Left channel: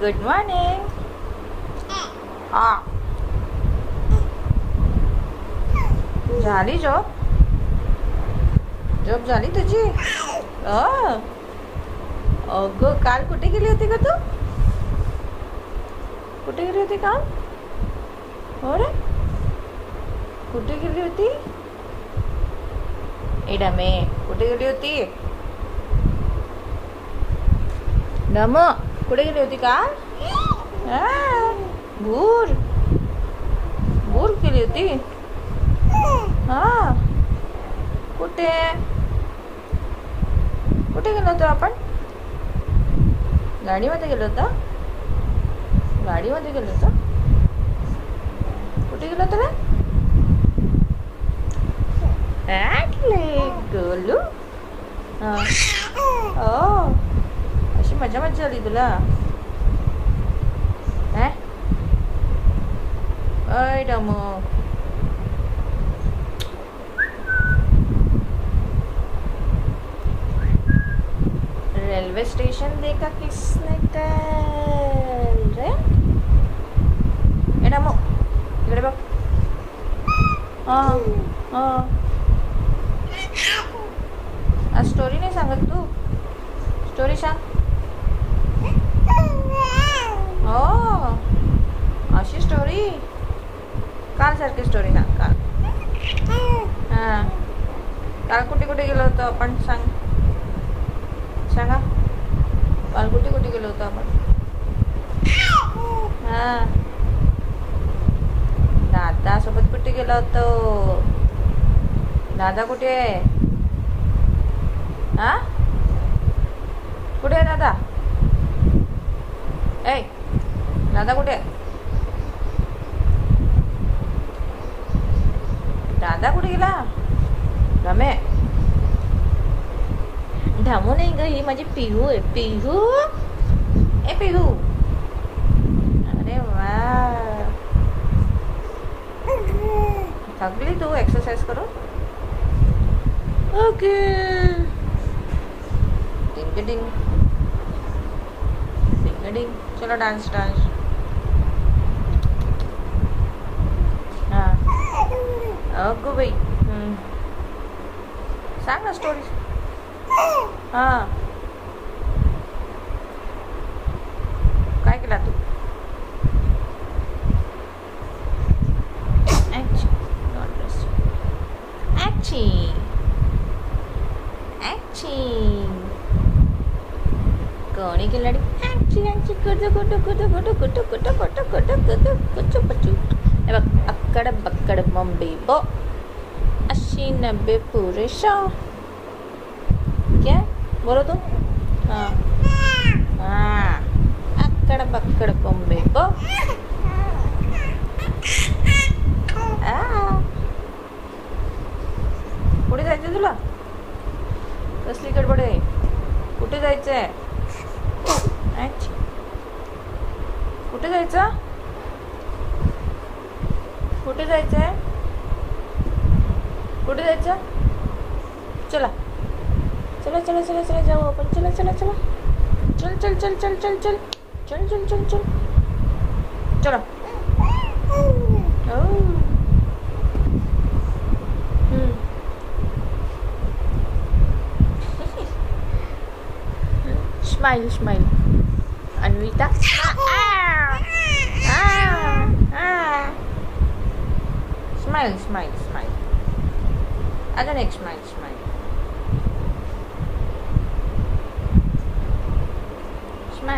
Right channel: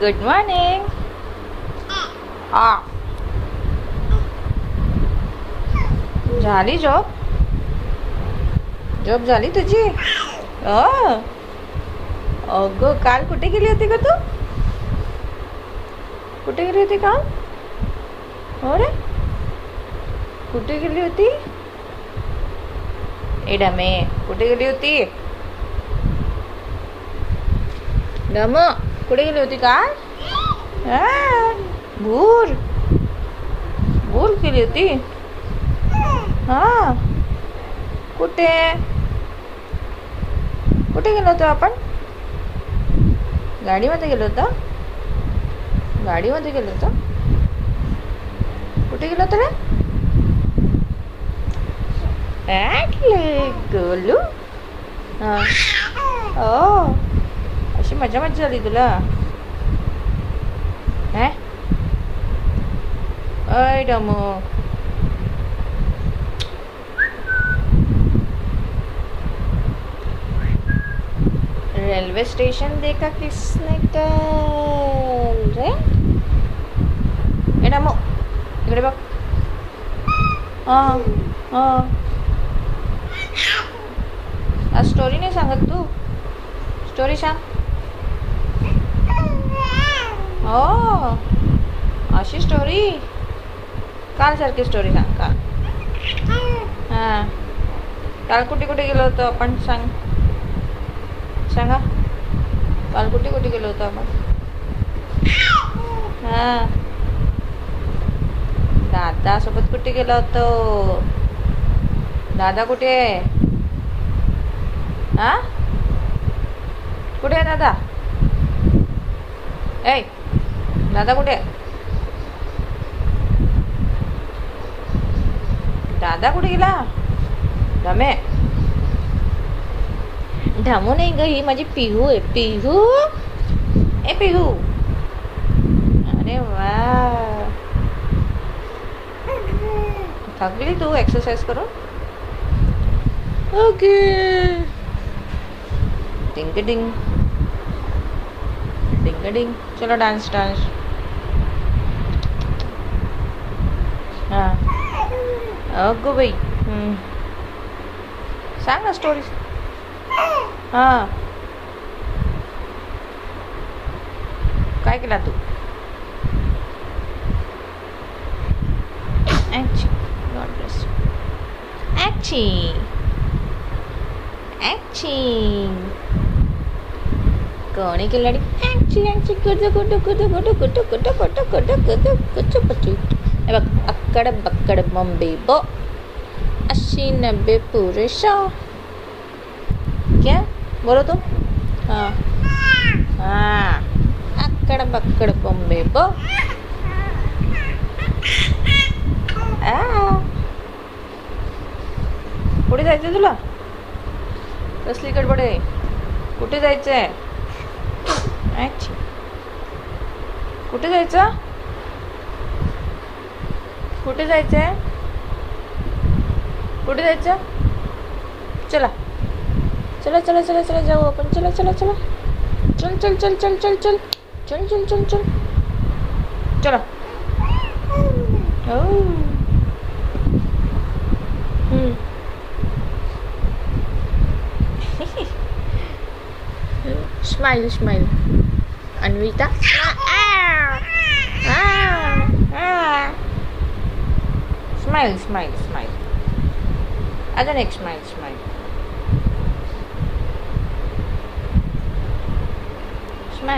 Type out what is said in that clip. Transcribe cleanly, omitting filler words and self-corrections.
Good morning. हा झाली झोप. झोप झाली तुझी. अगं काल कुठे गेली होती का तू? कुठे गेली होती काल? हो रे, कुठे गेली होती? ए डमे, कुठे गेली होती? डम, कुठे गेली होती काल? भूर भूर गेली होती. हा कुठे कुठे गेलो होतो आपण? गाडीमध्ये गेलो होतो. गाडीमध्ये गेलो होतो. कुठे गेलो होतो रे? गोलू. हा ओ, अशी मजा मजा झाली तुला. अय डमो, रेल्वे स्टेशन देखा किसने कल रे? ए डमो, इकडे बघ. आज स्टोरी नाही सांगत तू? स्टोरी सांग. हो, अशी स्टोरी. काल सारखी स्टोरी सांग. काल काल कुठे कुठे गेलो होतो आपण? सांगा. काल कुठे कुठे गेलो होतो आपण? दादा सोबत कुठे गेलो होतो? दादा कुठे आहे? कुठे आहे दादा? ए दादा कुठे आहे? दादा कुठे गेला? धमे, ढामू नाही ग, ही माझी पिहू आहे. पिहू, ए पिहू. अरे वा, थकली तू एक्सरसाइज करून? ओके. डिंग डिंग डिंग डिंग. चलो डांस. हाँ अगो बाई. सांग ना स्टोरी. काय केला तू? कोणी केलाडी? बघ, अक्कड बक्कड बॉम्बे बो, 80-90 पूरे 100. क्या बोलो तुम? हाँ अक्कड बक्कड बॉम्बे बो. कुठे जायचंय तुला? कसली गडबड आहे? कुठे जायचंय? कुठे जायचं? कुठे जायचंय? कुठे जायचं? चला चला चला चला चला जाऊ आपण. चला चला चला. चल चल चल चल चल चल चल चल चल चल चला. स्माइल अन्विता. स्माइल. अजून एक स्माइल. स्माइल.